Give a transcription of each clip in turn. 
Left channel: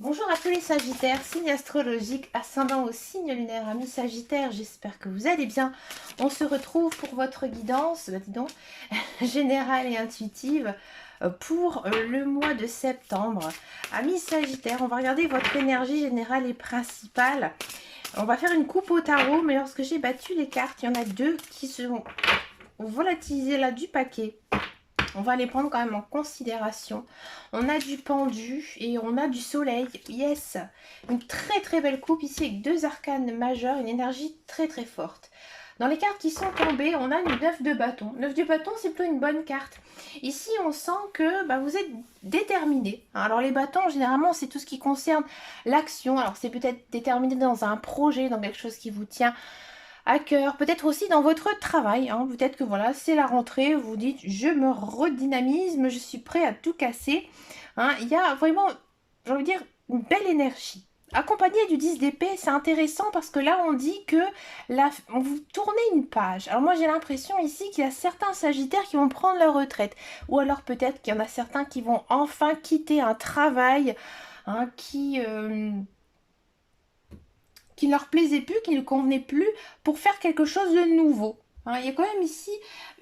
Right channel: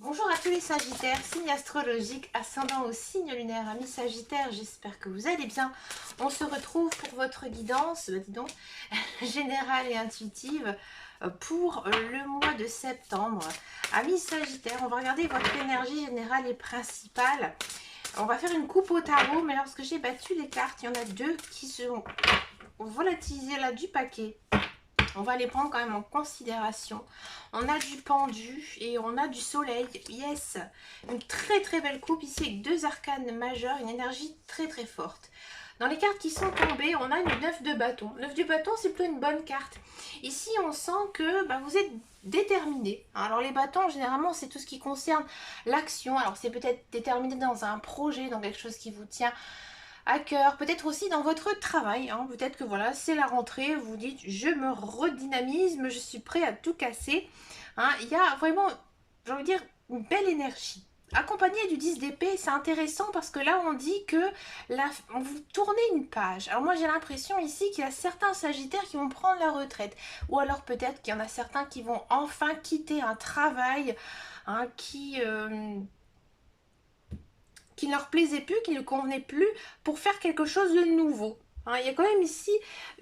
Bonjour à tous les Sagittaires, signe astrologique, ascendant au signe lunaire, amis Sagittaires, j'espère que vous allez bien. On se retrouve pour votre guidance, dis donc, générale et intuitive pour le mois de septembre. Amis Sagittaires, on va regarder votre énergie générale et principale. On va faire une coupe au tarot, mais lorsque j'ai battu les cartes, il y en a deux qui sont volatilisées là du paquet. On va les prendre quand même en considération. On a du pendu et on a du soleil. Yes, une très très belle coupe ici avec deux arcanes majeures, une énergie très très forte. Dans les cartes qui sont tombées, on a une 9 de bâton. 9 de bâton, c'est plutôt une bonne carte. Ici, on sent que vous êtes déterminé. Alors les bâtons, généralement, c'est tout ce qui concerne l'action. Alors c'est peut-être déterminé dans un projet, dans quelque chose qui vous tient à cœur, peut-être aussi dans votre travail, hein. Peut-être que voilà, c'est la rentrée, vous dites je me redynamise, je suis prêt à tout casser, hein. Il y a vraiment, j'ai envie de dire, une belle énergie. Accompagné du 10 d'épée, c'est intéressant parce que là on dit que on vous tournez une page. Alors moi j'ai l'impression ici qu'il y a certains sagittaires qui vont prendre leur retraite, ou alors peut-être qu'il y en a certains qui vont enfin quitter un travail, hein, qui ne leur plaisait plus, qui ne convenait plus, pour faire quelque chose de nouveau. Hein, il y a quand même ici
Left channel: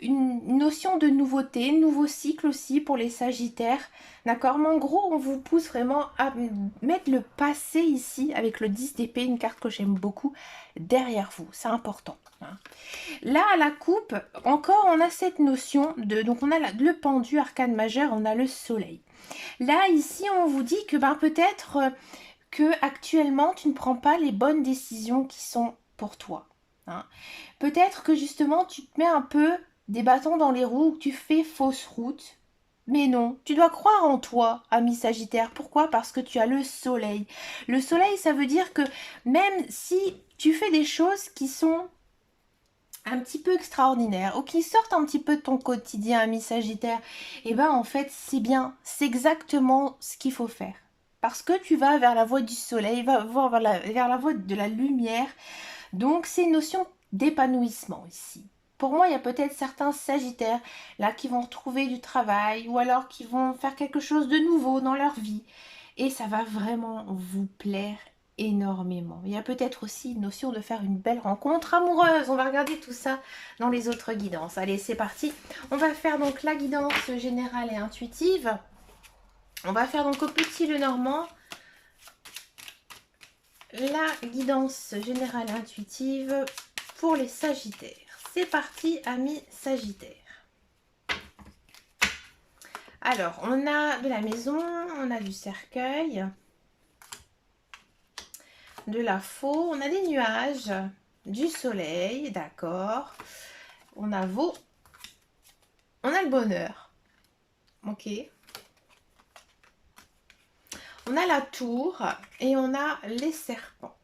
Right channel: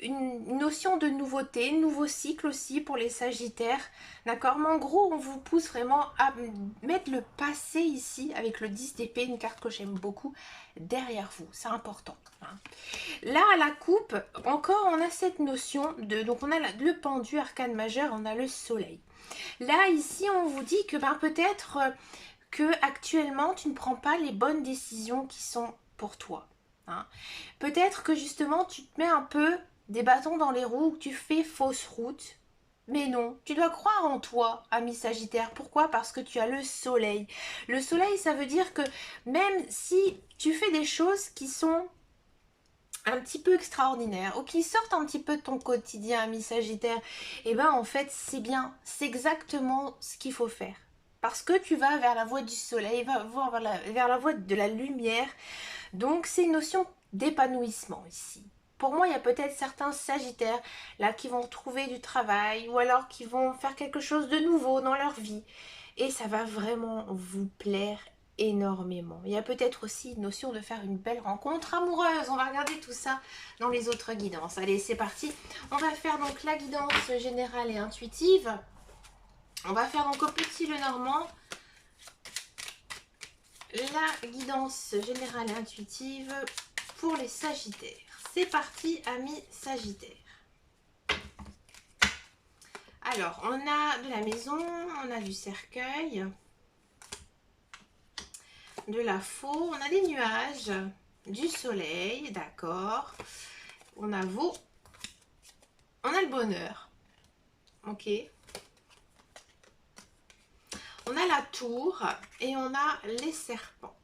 une notion de nouveauté, nouveau cycle aussi pour les Sagittaires. D'accord, mais en gros, on vous pousse vraiment à mettre le passé ici, avec le 10 d'épée, une carte que j'aime beaucoup, derrière vous. C'est important. Hein. Là, à la coupe, encore, on a cette notion de... Donc, on a le pendu, arcane majeur, on a le soleil. Là, ici, on vous dit que peut-être que actuellement tu ne prends pas les bonnes décisions qui sont pour toi. Hein. Peut-être que justement tu te mets un peu des bâtons dans les roues, que tu fais fausse route. Mais non, tu dois croire en toi, ami Sagittaire. Pourquoi? Parce que tu as le soleil. Le soleil, ça veut dire que même si tu fais des choses qui sont un petit peu extraordinaires ou qui sortent un petit peu de ton quotidien, ami Sagittaire, en fait c'est bien, c'est exactement ce qu'il faut faire. Parce que tu vas vers la voie du soleil, vers la voie de la lumière. Donc c'est une notion d'épanouissement ici. Pour moi, il y a peut-être certains Sagittaires là qui vont trouver du travail ou alors qui vont faire quelque chose de nouveau dans leur vie. Et ça va vraiment vous plaire énormément. Il y a peut-être aussi une notion de faire une belle rencontre amoureuse. On va regarder tout ça dans les autres guidances. Allez, c'est parti. On va faire donc la guidance générale et intuitive. On va faire donc au petit Lenormand la guidance générale et intuitive pour les Sagittaires. C'est parti, amis Sagittaires. Alors, on a de la maison, on a du cercueil, de la faux, on a des nuages, du soleil, d'accord. On a on a le bonheur, ok. On a la tour et on a les serpents.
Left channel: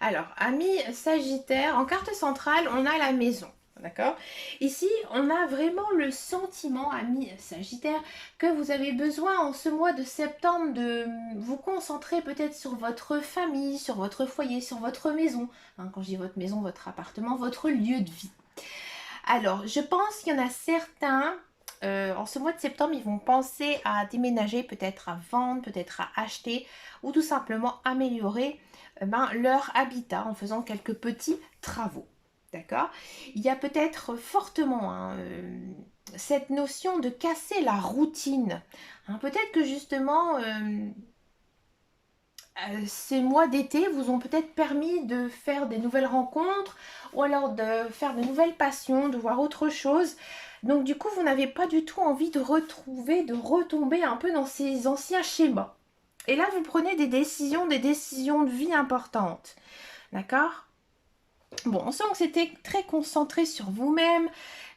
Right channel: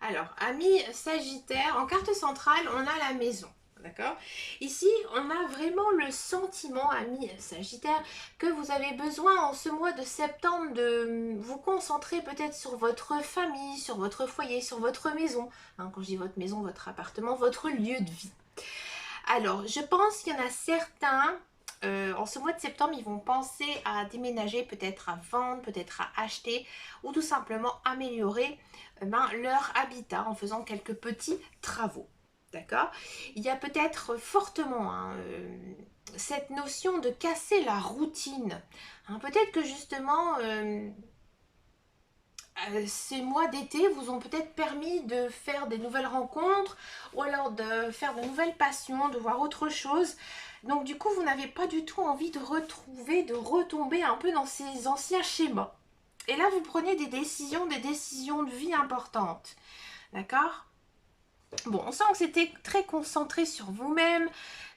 Alors, amis Sagittaire, en carte centrale, on a la maison. D'accord? Ici, on a vraiment le sentiment, amis Sagittaire, que vous avez besoin en ce mois de septembre de vous concentrer peut-être sur votre famille, sur votre foyer, sur votre maison. Hein, quand je dis votre maison, votre appartement, votre lieu de vie. Alors, je pense qu'il y en a certains, en ce mois de septembre, ils vont penser à déménager, peut-être à vendre, peut-être à acheter, ou tout simplement améliorer leur habitat en faisant quelques petits travaux. D'accord? Il y a peut-être fortement cette notion de casser la routine. Hein, peut-être que justement, ces mois d'été vous ont peut-être permis de faire des nouvelles rencontres ou alors de faire de nouvelles passions, de voir autre chose. Donc du coup, vous n'avez pas du tout envie de retomber un peu dans ces anciens schémas. Et là, vous prenez des décisions de vie importantes. D'accord? Bon, on sent que c'était très concentré sur vous-même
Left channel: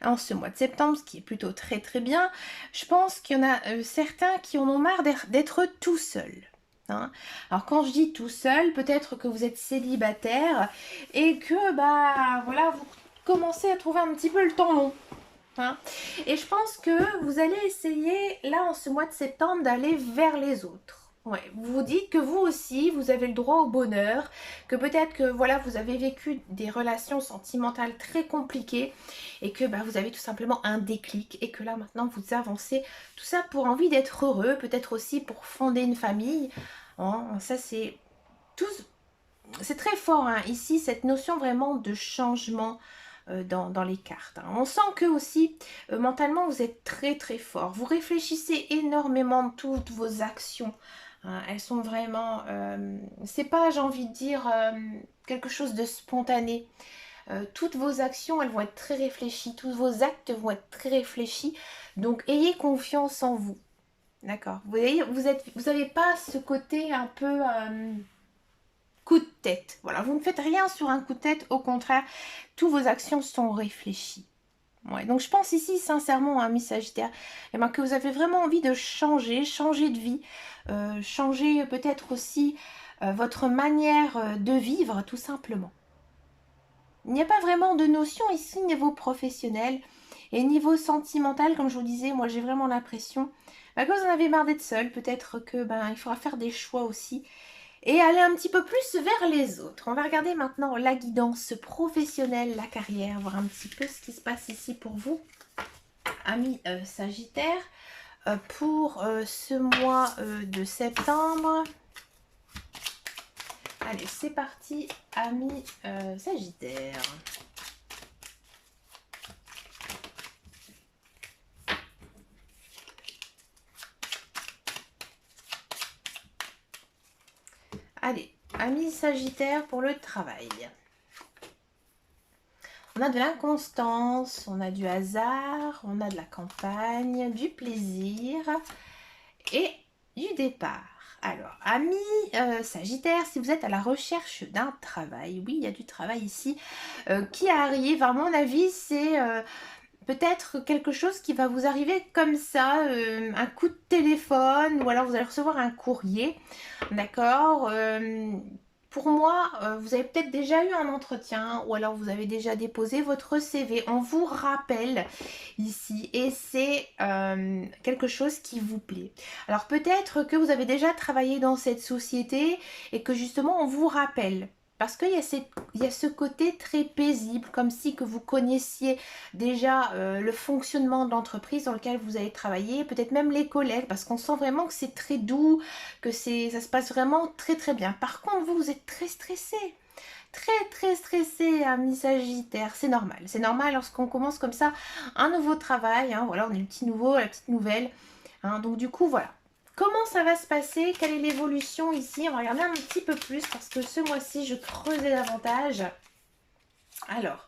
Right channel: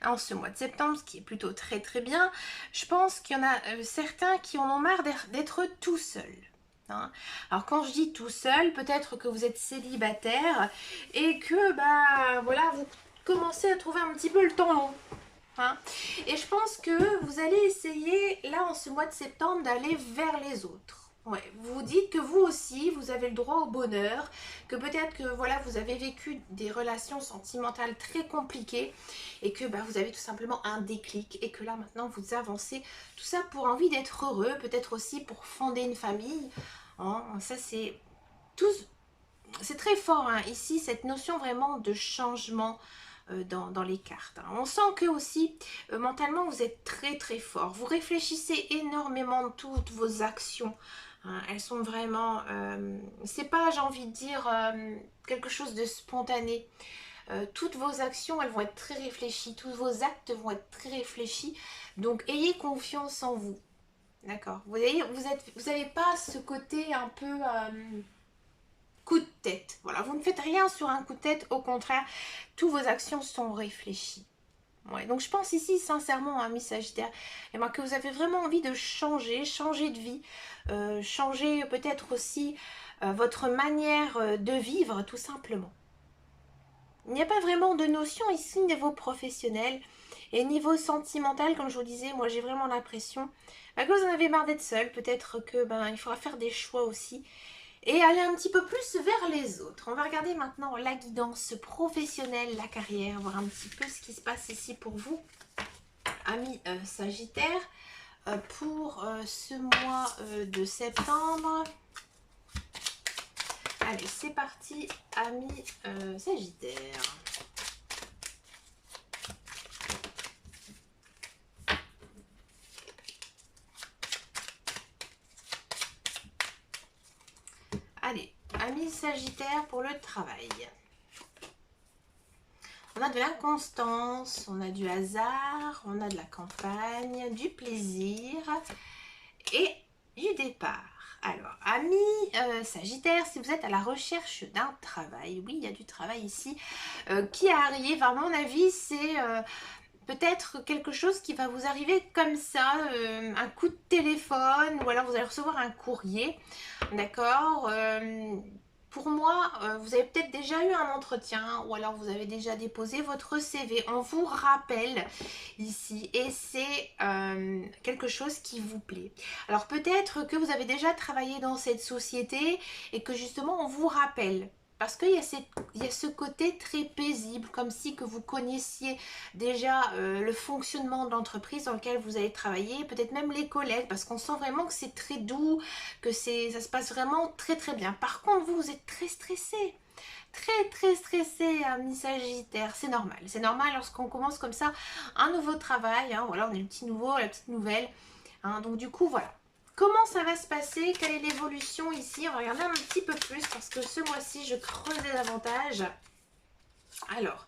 en ce mois de septembre, ce qui est plutôt très très bien. Je pense qu'il y en a certains qui en ont marre d'être tout seuls. Hein. Alors quand je dis tout seul, peut-être que vous êtes célibataire et que voilà, vous commencez à trouver un petit peu le temps long. Hein. Et je pense que vous allez essayer là en ce mois de septembre d'aller vers les autres. Ouais, vous vous dites que vous aussi, vous avez le droit au bonheur, que peut-être que voilà, vous avez vécu des relations sentimentales très compliquées et que bah, vous avez tout simplement un déclic et que là maintenant vous avancez, tout ça pour envie d'être heureux, peut-être aussi pour fonder une famille. Hein, ça tout, c'est très fort hein, ici, cette notion vraiment de changement dans les cartes. Hein. On sent que aussi, mentalement, vous êtes très très fort. Vous réfléchissez énormément de toutes vos actions. Hein. Elles sont vraiment... c'est pas, j'ai envie de dire, quelque chose de spontané. Toutes vos actions, elles vont être très réfléchies. Tous vos actes vont être très réfléchis. Donc, ayez confiance en vous. D'accord. Vous voyez, vous n'avez pas ce côté un peu coup de tête. Voilà, vous ne faites rien sur un coup de tête, au contraire, toutes vos actions sont réfléchies. Ouais, donc je pense ici sincèrement, Miss Sagittaire, eh ben, que vous avez vraiment envie de changer, changer de vie, changer peut-être aussi votre manière de vivre tout simplement. Il n'y a pas vraiment de notion ici niveau professionnel et niveau sentimental, comme je vous disais, moi j'ai vraiment l'impression bah, que vous en avez marre d'être seul, peut-être que ben il faudra faire des choix aussi et aller un petit peu plus vers les autres. On va regarder maintenant la guidance professionnelle, la carrière, voir un petit peu ce qui se passe ici pour vous, amis Sagittaire, pour ce mois de septembre. Allez, c'est parti, amis Sagittaire. Allez, amis Sagittaire pour le travail. On a de l'inconstance, on a du hasard, on a de la campagne, du plaisir et du départ. Alors, amis Sagittaire, si vous êtes à la recherche d'un travail, oui, il y a du travail ici qui arrive. À mon avis, c'est peut-être quelque chose qui va vous arriver comme ça, un coup de téléphone ou alors vous allez recevoir un courrier, d'accord. Pour moi, vous avez peut-être déjà eu un entretien ou alors vous avez déjà déposé votre CV. On vous rappelle ici et c'est quelque chose qui vous plaît. Alors peut-être que vous avez déjà travaillé dans cette société et que justement on vous rappelle. Parce qu'il y a ce côté très paisible, comme si que vous connaissiez déjà le fonctionnement de l'entreprise dans lequel vous allez travailler, peut-être même les collègues, parce qu'on sent vraiment que c'est très doux, que ça se passe vraiment très très bien. Par contre, vous êtes très stressé. Très très stressé, ami Sagittaire. C'est normal lorsqu'on commence comme ça un nouveau travail. Hein, voilà, on est le petit nouveau, la petite nouvelle. Hein, donc du coup, voilà. Comment ça va se passer? Quelle est l'évolution ici? On va regarder un petit peu plus parce que ce mois-ci, je creusais davantage. Alors,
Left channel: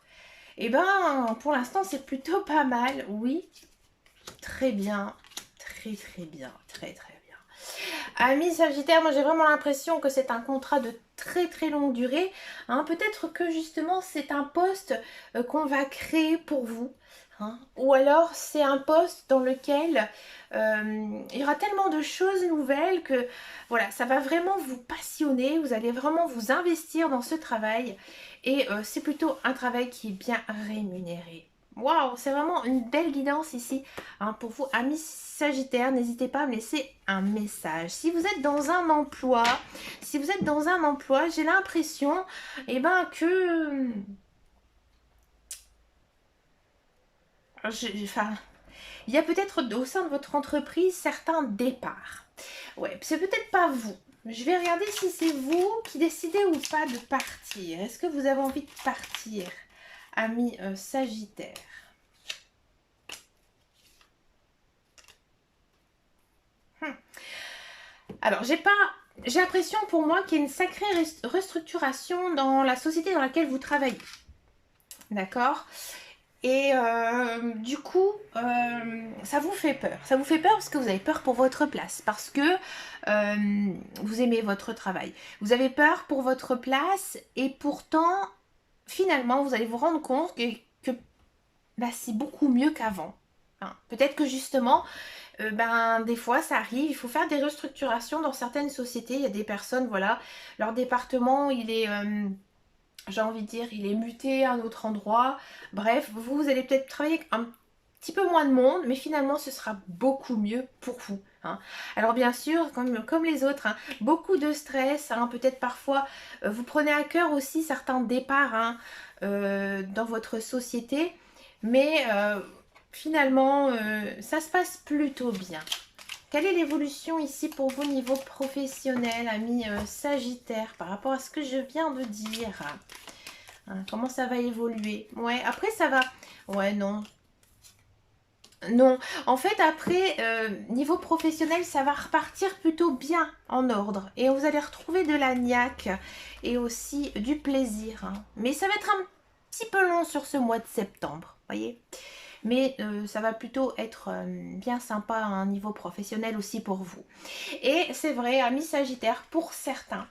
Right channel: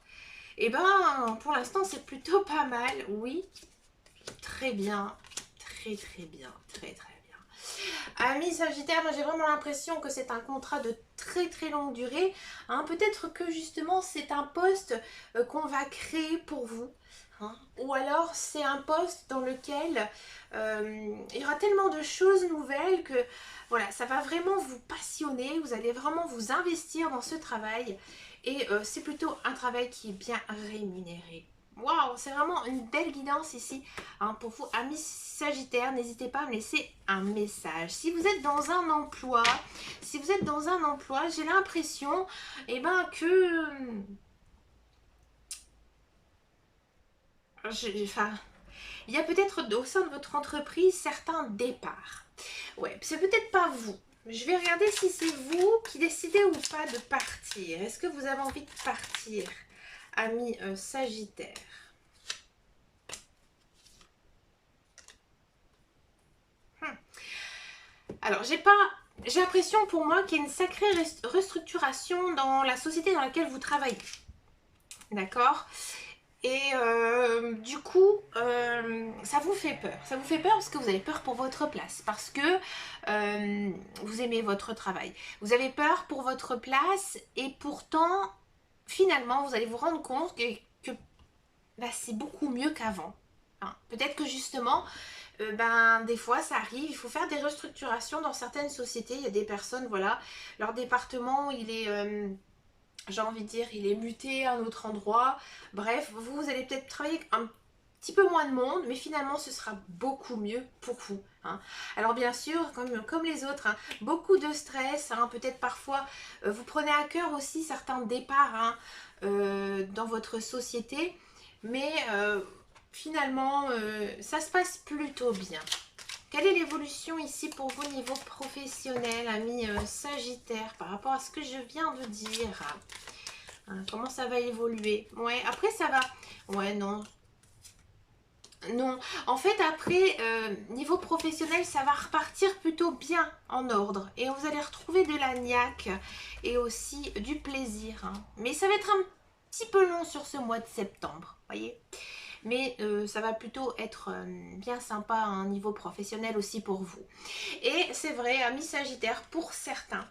eh ben, pour l'instant, c'est plutôt pas mal. Oui, très bien. Très, très bien. Très, très bien. Amis Sagittaire, moi j'ai vraiment l'impression que c'est un contrat de très très longue durée. Hein. Peut-être que justement c'est un poste qu'on va créer pour vous. Hein. Ou alors c'est un poste dans lequel il y aura tellement de choses nouvelles que voilà, ça va vraiment vous passionner. Vous allez vraiment vous investir dans ce travail. Et c'est plutôt un travail qui est bien rémunéré. Waouh, c'est vraiment une belle guidance ici hein, pour vous, amis Sagittaire. N'hésitez pas à me laisser un message. Si vous êtes dans un emploi, j'ai l'impression eh ben, que... Enfin, il y a peut-être au sein de votre entreprise certains départs. Ouais, c'est peut-être pas vous. Je vais regarder si c'est vous qui décidez ou pas de partir. Est-ce que vous avez envie de partir, amis Sagittaire? Alors, j'ai l'impression pour moi qu'il y a une sacrée restructuration dans la société dans laquelle vous travaillez. D'accord? Et du coup, ça vous fait peur. Ça vous fait peur parce que vous avez peur pour votre place, parce que vous aimez votre travail. Vous avez peur pour votre place et pourtant, finalement, vous allez vous rendre compte que bah, c'est beaucoup mieux qu'avant. Hein. Peut-être que justement, ben, des fois ça arrive, il faut faire des restructurations dans certaines sociétés. Il y a des personnes, voilà, leur département, il est, j'ai envie de dire, il est muté à un autre endroit. Bref, vous allez peut-être travailler petit peu moins de monde, mais finalement ce sera beaucoup mieux pour vous. Hein. Alors bien sûr, comme les autres, hein, beaucoup de stress, hein, peut-être parfois vous prenez à cœur aussi certains départs hein, dans votre société, mais finalement ça se passe plutôt bien. Quelle est l'évolution ici pour vous niveau professionnel, ami Sagittaire, par rapport à ce que je viens de dire? Hein, comment ça va évoluer? Ouais, après ça va... Ouais, non. Non, en fait après, niveau professionnel, ça va repartir plutôt bien en ordre. Et vous allez retrouver de la niaque et aussi du plaisir. Hein. Mais ça va être un petit peu long sur ce mois de septembre, voyez. Mais ça va plutôt être bien sympa à un niveau professionnel aussi pour vous. Et c'est vrai, amis Sagittaire, pour certains,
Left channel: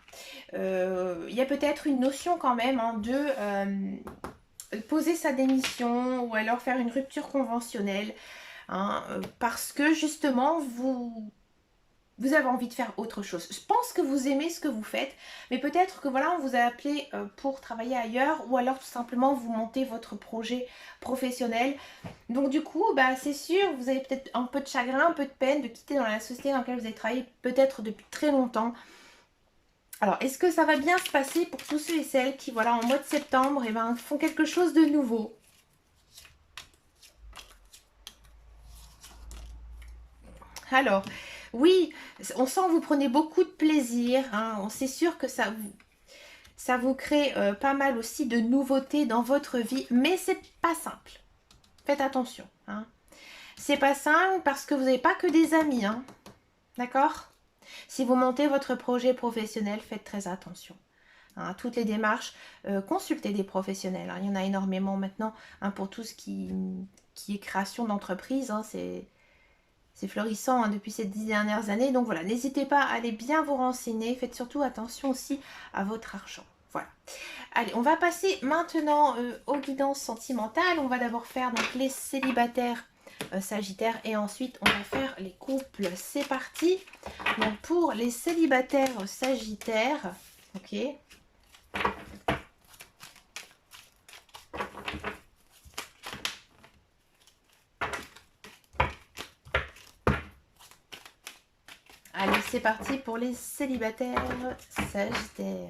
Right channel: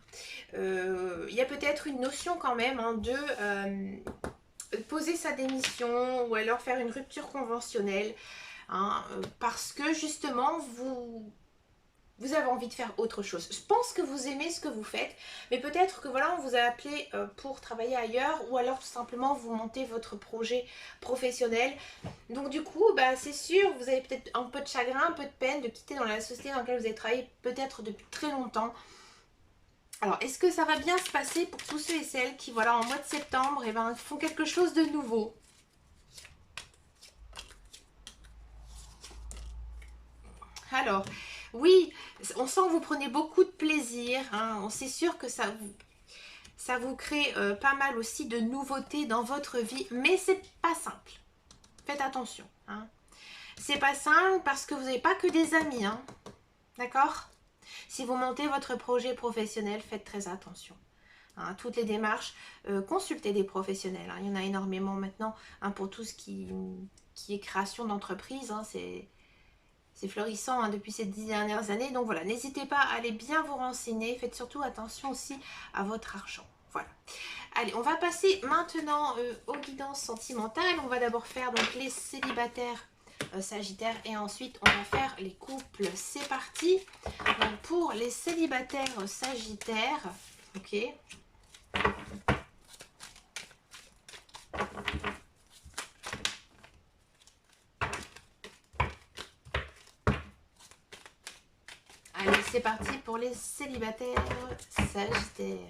il y a peut-être une notion quand même hein, de poser sa démission ou alors faire une rupture conventionnelle. Hein, parce que justement, vous avez envie de faire autre chose. Je pense que vous aimez ce que vous faites, mais peut-être que voilà, on vous a appelé pour travailler ailleurs ou alors tout simplement vous montez votre projet professionnel. Donc du coup, bah, c'est sûr, vous avez peut-être un peu de chagrin, un peu de peine de quitter dans la société dans laquelle vous avez travaillé peut-être depuis très longtemps. Alors, est-ce que ça va bien se passer pour tous ceux et celles qui, voilà, en mois de septembre, eh ben, font quelque chose de nouveau? Alors, oui, on sent que vous prenez beaucoup de plaisir. Hein. C'est sûr que ça vous crée pas mal aussi de nouveautés dans votre vie, mais c'est pas simple. Faites attention. Hein. C'est pas simple parce que vous n'avez pas que des amis. Hein. D'accord? Si vous montez votre projet professionnel, faites très attention. Hein, toutes les démarches, consultez des professionnels. Hein. Il y en a énormément maintenant hein, pour tout ce qui est création d'entreprise. Hein, c'est florissant hein, depuis ces 10 dernières années. Donc voilà, n'hésitez pas à aller bien vous renseigner. Faites surtout attention aussi à votre argent. Voilà. Allez, on va passer maintenant aux guidances sentimentales. On va d'abord faire donc les célibataires Sagittaires et ensuite on va faire les couples. C'est parti. Donc pour les célibataires Sagittaires, ok. Allez, c'est parti pour les célibataires Sagittaires.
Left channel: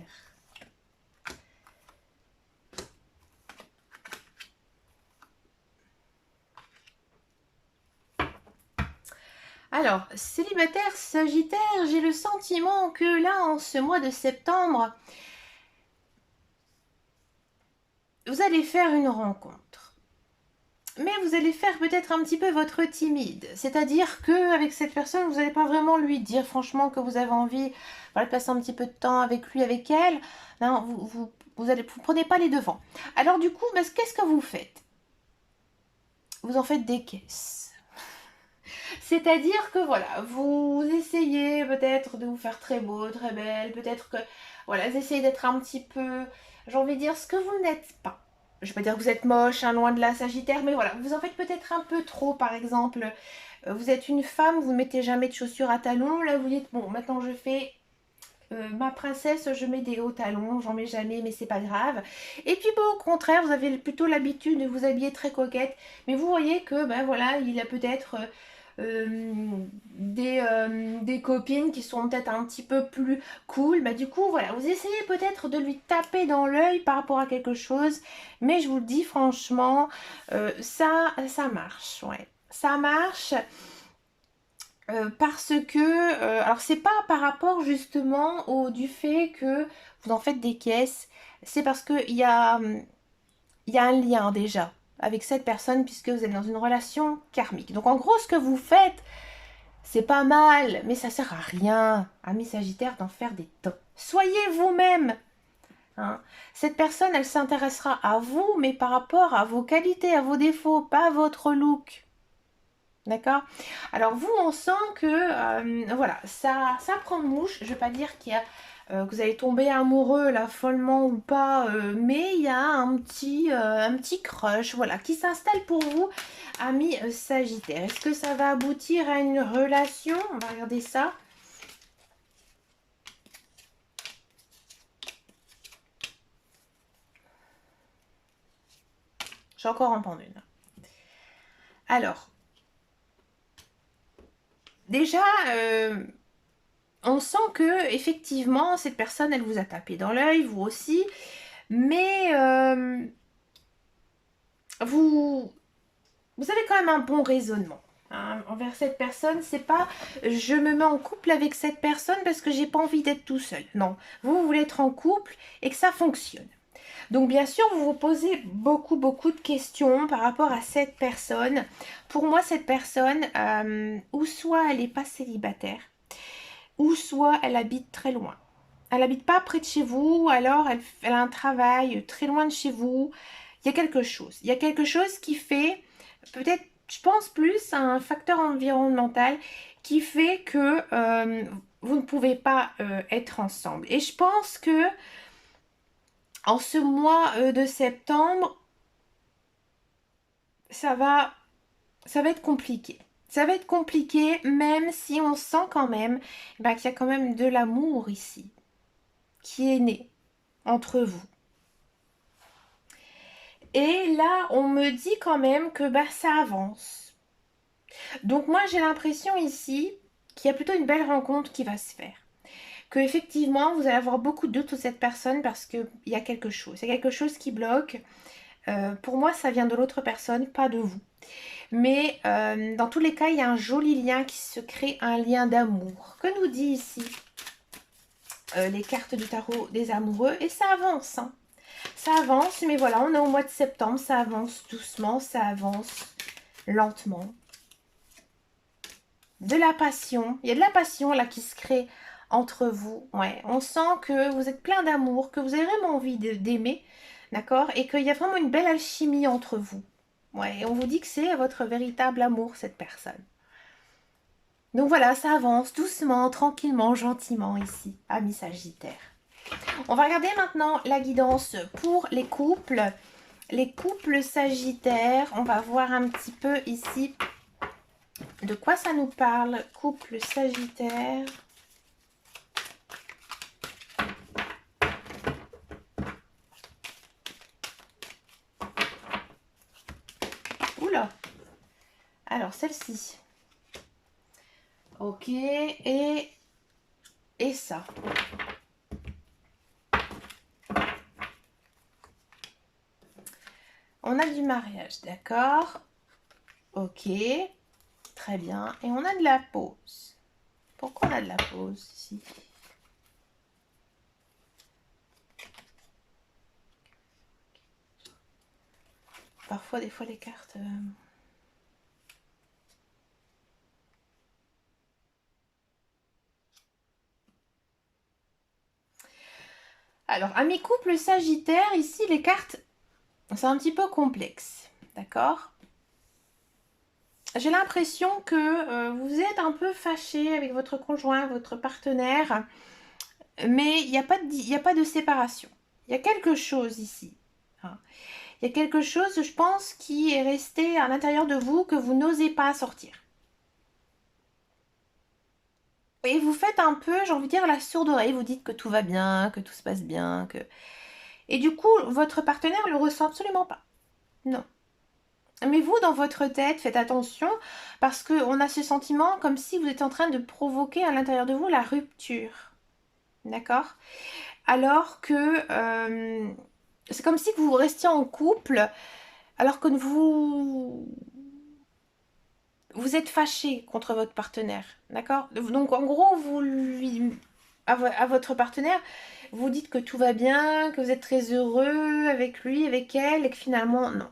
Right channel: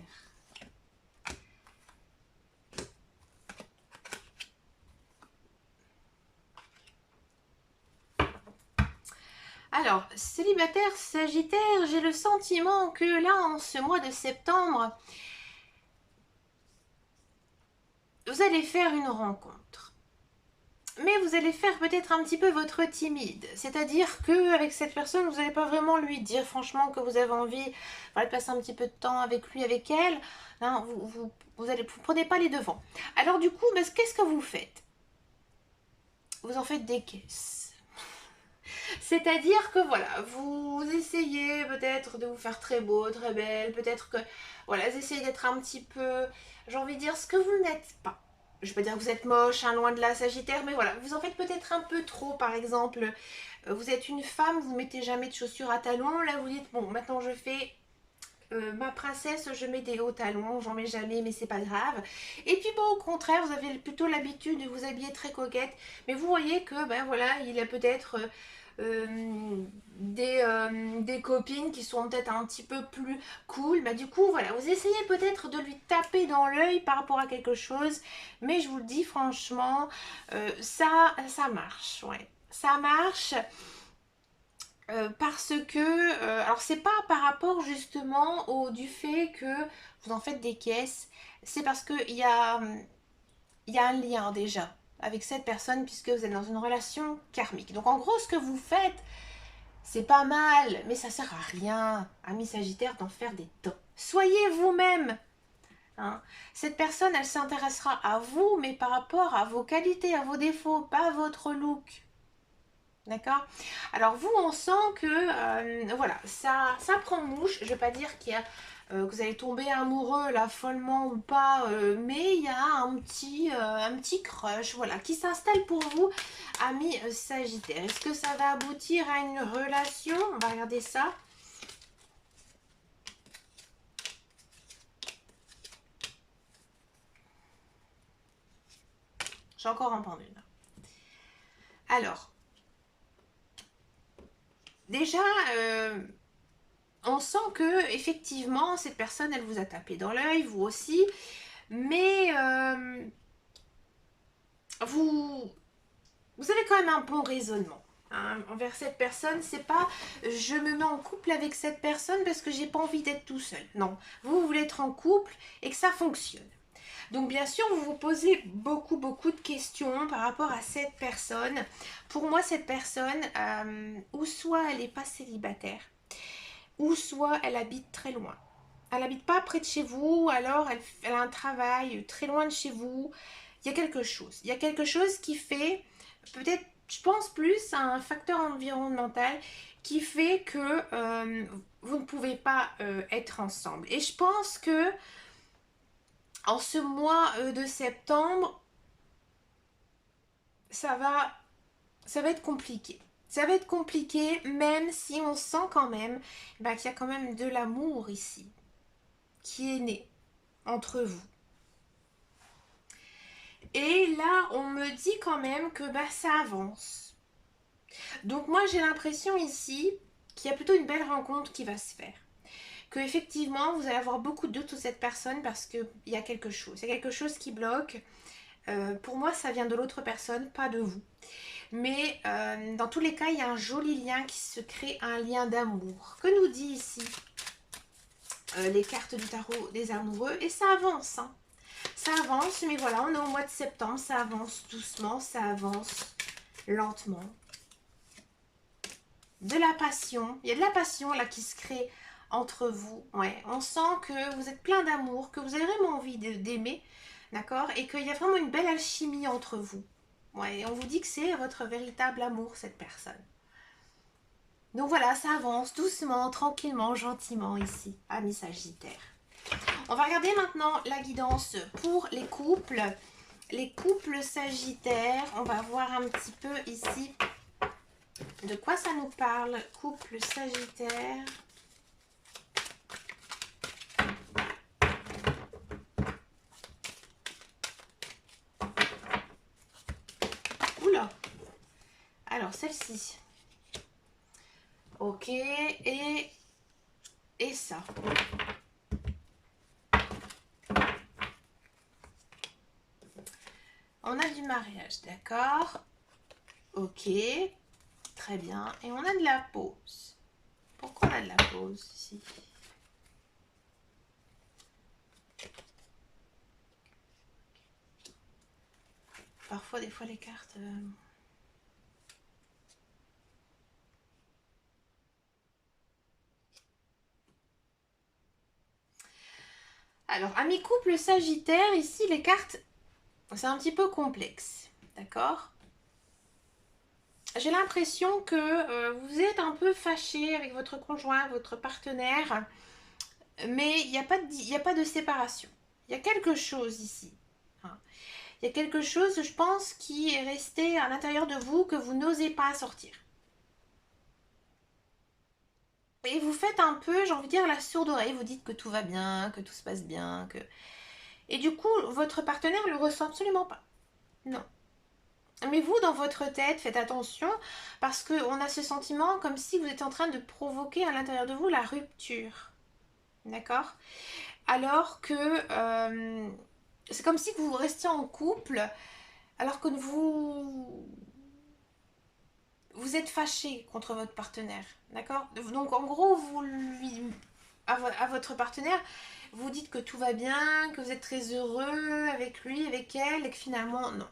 Alors, célibataire Sagittaire, j'ai le sentiment que là, en ce mois de septembre, vous allez faire une rencontre. Mais vous allez faire peut-être un petit peu votre timide. C'est-à-dire qu'avec cette personne, vous n'allez pas vraiment lui dire franchement que vous avez envie voilà, de passer un petit peu de temps avec lui, avec elle. Non, vous prenez pas les devants. Alors du coup, qu'est-ce que vous faites? Vous en faites des caisses. C'est-à-dire que voilà, vous essayez peut-être de vous faire très beau, très belle, peut-être que voilà, vous essayez d'être un petit peu, j'ai envie de dire, ce que vous n'êtes pas. Je vais pas dire que vous êtes moche, hein, loin de la Sagittaire, mais voilà, vous en faites peut-être un peu trop, par exemple. Vous êtes une femme, vous ne mettez jamais de chaussures à talons, là vous dites, bon, maintenant je fais ma princesse, je mets des hauts talons, j'en mets jamais, mais c'est pas grave. Et puis au contraire, vous avez plutôt l'habitude de vous habiller très coquette, mais vous voyez que ben voilà, il a peut-être des copines qui sont peut-être un petit peu plus cool. Bah, du coup, voilà, vous essayez peut-être de lui taper dans l'œil par rapport à quelque chose, mais je vous le dis franchement, ça marche, ouais, ça marche. Parce que, alors c'est pas par rapport justement au du fait que vous en faites des caisses, c'est parce que il y a un lien déjà avec cette personne puisque vous êtes dans une relation karmique. Donc en gros, ce que vous faites, c'est pas mal, mais ça sert à rien, amis Sagittaire, d'en faire des tonnes. Soyez vous-même. Hein. Cette personne, elle s'intéressera à vous, mais par rapport à vos qualités, à vos défauts, pas à votre look. D'accord. Alors vous, on sent que voilà, ça prend mouche. Je ne vais pas dire que vous allez tomber amoureux là follement ou pas, mais il y a un petit crush, voilà, qui s'installe pour vous, ami Sagittaire. Est-ce que ça va aboutir à une relation? On va regarder ça. J'ai encore en prendre une. Alors, déjà, on sent que effectivement cette personne, elle vous a tapé dans l'œil, vous aussi, mais vous, vous avez quand même un bon raisonnement hein, envers cette personne. C'est pas je me mets en couple avec cette personne parce que j'ai pas envie d'être tout seul. Non, vous voulez être en couple et que ça fonctionne. Donc bien sûr, vous vous posez beaucoup de questions par rapport à cette personne. Pour moi, cette personne, ou soit elle n'est pas célibataire, ou soit elle habite très loin. Elle habite pas près de chez vous, alors elle a un travail très loin de chez vous. Il y a quelque chose. Il y a quelque chose qui fait, peut-être, je pense plus à un facteur environnemental qui fait que vous ne pouvez pas être ensemble. Et je pense que en ce mois de septembre, ça va, ça va être compliqué. Ça va être compliqué, même si on sent quand même bah, qu'il y a quand même de l'amour ici, qui est né entre vous. Et là, on me dit quand même que bah, ça avance. Donc moi, j'ai l'impression ici qu'il y a plutôt une belle rencontre qui va se faire. Que effectivement, vous allez avoir beaucoup de doutes sur cette personne parce qu'il y a quelque chose. Il y a quelque chose qui bloque. Pour moi, ça vient de l'autre personne, pas de vous. Mais dans tous les cas, il y a un joli lien qui se crée, un lien d'amour. Que nous dit ici les cartes du tarot des amoureux? Et ça avance, hein. Ça avance, mais voilà, on est au mois de septembre, ça avance doucement, ça avance lentement. De la passion, il y a de la passion là qui se crée entre vous. Ouais, on sent que vous êtes plein d'amour, que vous avez vraiment envie d'aimer, d'accord? Et qu'il y a vraiment une belle alchimie entre vous. Ouais, et on vous dit que c'est votre véritable amour, cette personne. Donc voilà, ça avance doucement, tranquillement, gentiment ici, amis Sagittaire. On va regarder maintenant la guidance pour les couples. Les couples Sagittaires, on va voir un petit peu ici de quoi ça nous parle. Couple Sagittaire. Oula. Alors celle-ci. Ok, et ça. On a du mariage, d'accord. Ok, très bien. Et on a de la pause. Pourquoi on a de la pause ici? Parfois, des fois, les cartes... Alors, à mes couples Sagittaire, ici, les cartes, c'est un petit peu complexe. D'accord? J'ai l'impression que vous êtes un peu fâché avec votre conjoint, votre partenaire, mais il n'y a pas de séparation. Il y a quelque chose ici. Hein. Il y a quelque chose, je pense, qui est resté à l'intérieur de vous que vous n'osez pas sortir. Et vous faites un peu, j'ai envie de dire, la sourde oreille. Vous dites que tout va bien, que tout se passe bien. Et du coup, votre partenaire ne le ressent absolument pas. Non. Mais vous, dans votre tête, faites attention parce qu'on a ce sentiment comme si vous étiez en train de provoquer à l'intérieur de vous la rupture. D'accord? Alors que c'est comme si vous restiez en couple alors que vous êtes fâché contre votre partenaire. D'accord? Donc en gros, à votre partenaire, vous dites que tout va bien, que vous êtes très heureux avec lui, avec elle, et que finalement, non.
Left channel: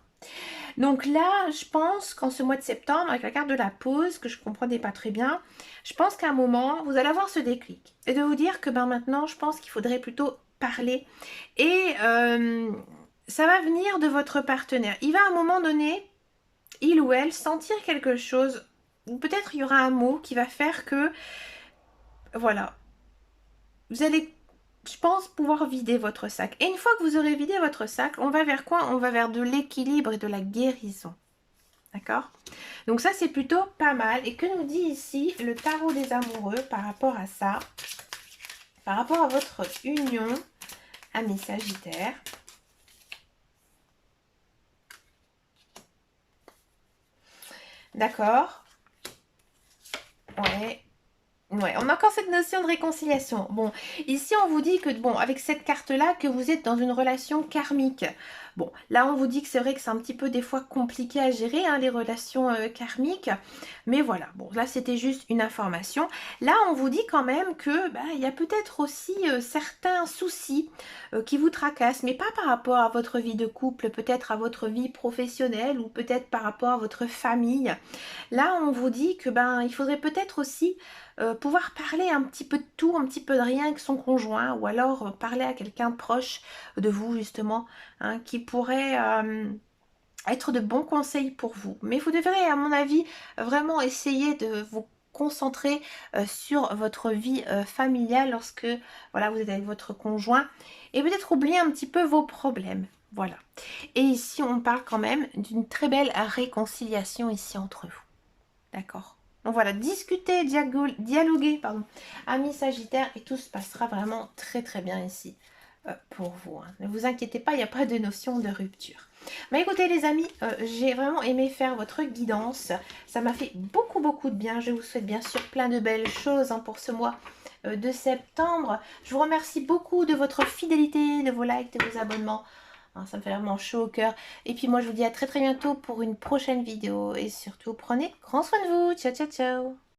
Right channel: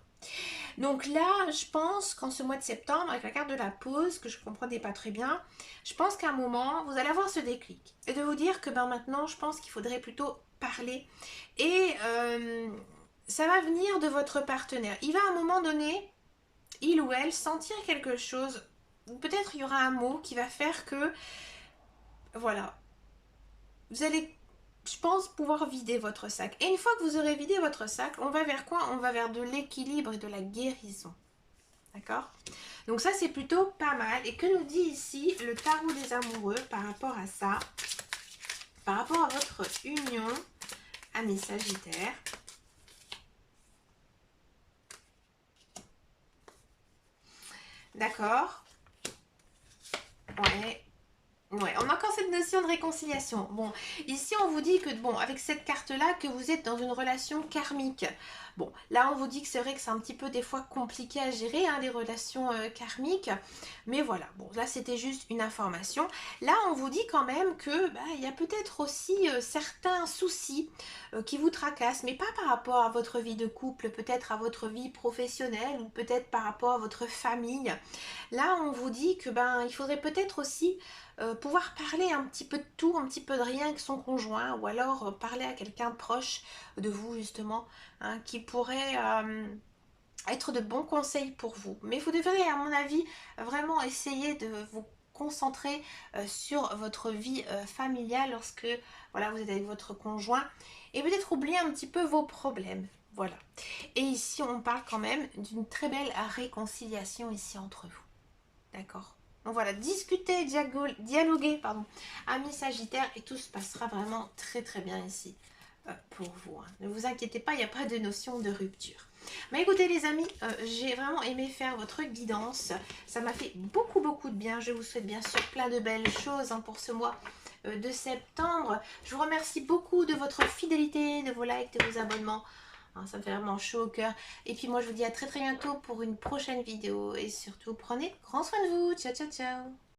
Donc là, je pense qu'en ce mois de septembre, avec la carte de la pause, que je ne comprenais pas très bien, je pense qu'à un moment, vous allez avoir ce déclic. Et de vous dire que ben, maintenant, je pense qu'il faudrait plutôt parler. Et ça va venir de votre partenaire. Il va à un moment donné, il ou elle, sentir quelque chose. Peut-être il y aura un mot qui va faire que, voilà, vous allez, je pense, pouvoir vider votre sac. Et une fois que vous aurez vidé votre sac, on va vers quoi? On va vers de l'équilibre et de la guérison. D'accord? Donc ça, c'est plutôt pas mal. Et que nous dit ici le tarot des amoureux par rapport à ça? Par rapport à votre union, amis Sagittaires. D'accord. Ouais. Ouais, on a encore cette notion de réconciliation. Bon, ici on vous dit que, bon, avec cette carte-là, que vous êtes dans une relation karmique. Bon, là on vous dit que c'est vrai que c'est un petit peu des fois compliqué à gérer, hein, les relations karmiques. Mais voilà, bon, là c'était juste une information. Là on vous dit quand même que, bah, il y a peut-être aussi certains soucis qui vous tracassent, mais pas par rapport à votre vie de couple, peut-être à votre vie professionnelle ou peut-être par rapport à votre famille. Là on vous dit que, ben, il faudrait peut-être aussi pouvoir parler un petit peu de tout, un petit peu de rien avec son conjoint, ou alors parler à quelqu'un proche de vous justement, hein, qui pourrait être de bons conseils pour vous. Mais vous devrez, à mon avis, vraiment essayer de vous concentrer sur votre vie familiale lorsque voilà, vous êtes avec votre conjoint et peut-être oublier un petit peu vos problèmes. Voilà. Et ici, on parle quand même d'une très belle réconciliation ici entre vous. D'accord. Donc voilà, discuter, dialoguer, pardon, amis Sagittaire, et tout se passera vraiment très très bien ici pour vous, hein. Ne vous inquiétez pas, il n'y a pas de notion de rupture. Mais écoutez les amis, j'ai vraiment aimé faire votre guidance. Ça m'a fait beaucoup beaucoup de bien. Je vous souhaite bien sûr plein de belles choses, hein, pour ce mois de septembre. Je vous remercie beaucoup de votre fidélité, de vos likes, de vos abonnements. Hein, ça me fait vraiment chaud au cœur. Et puis moi, je vous dis à très très bientôt pour une prochaine vidéo. Et surtout, prenez grand soin de vous. Ciao, ciao, ciao.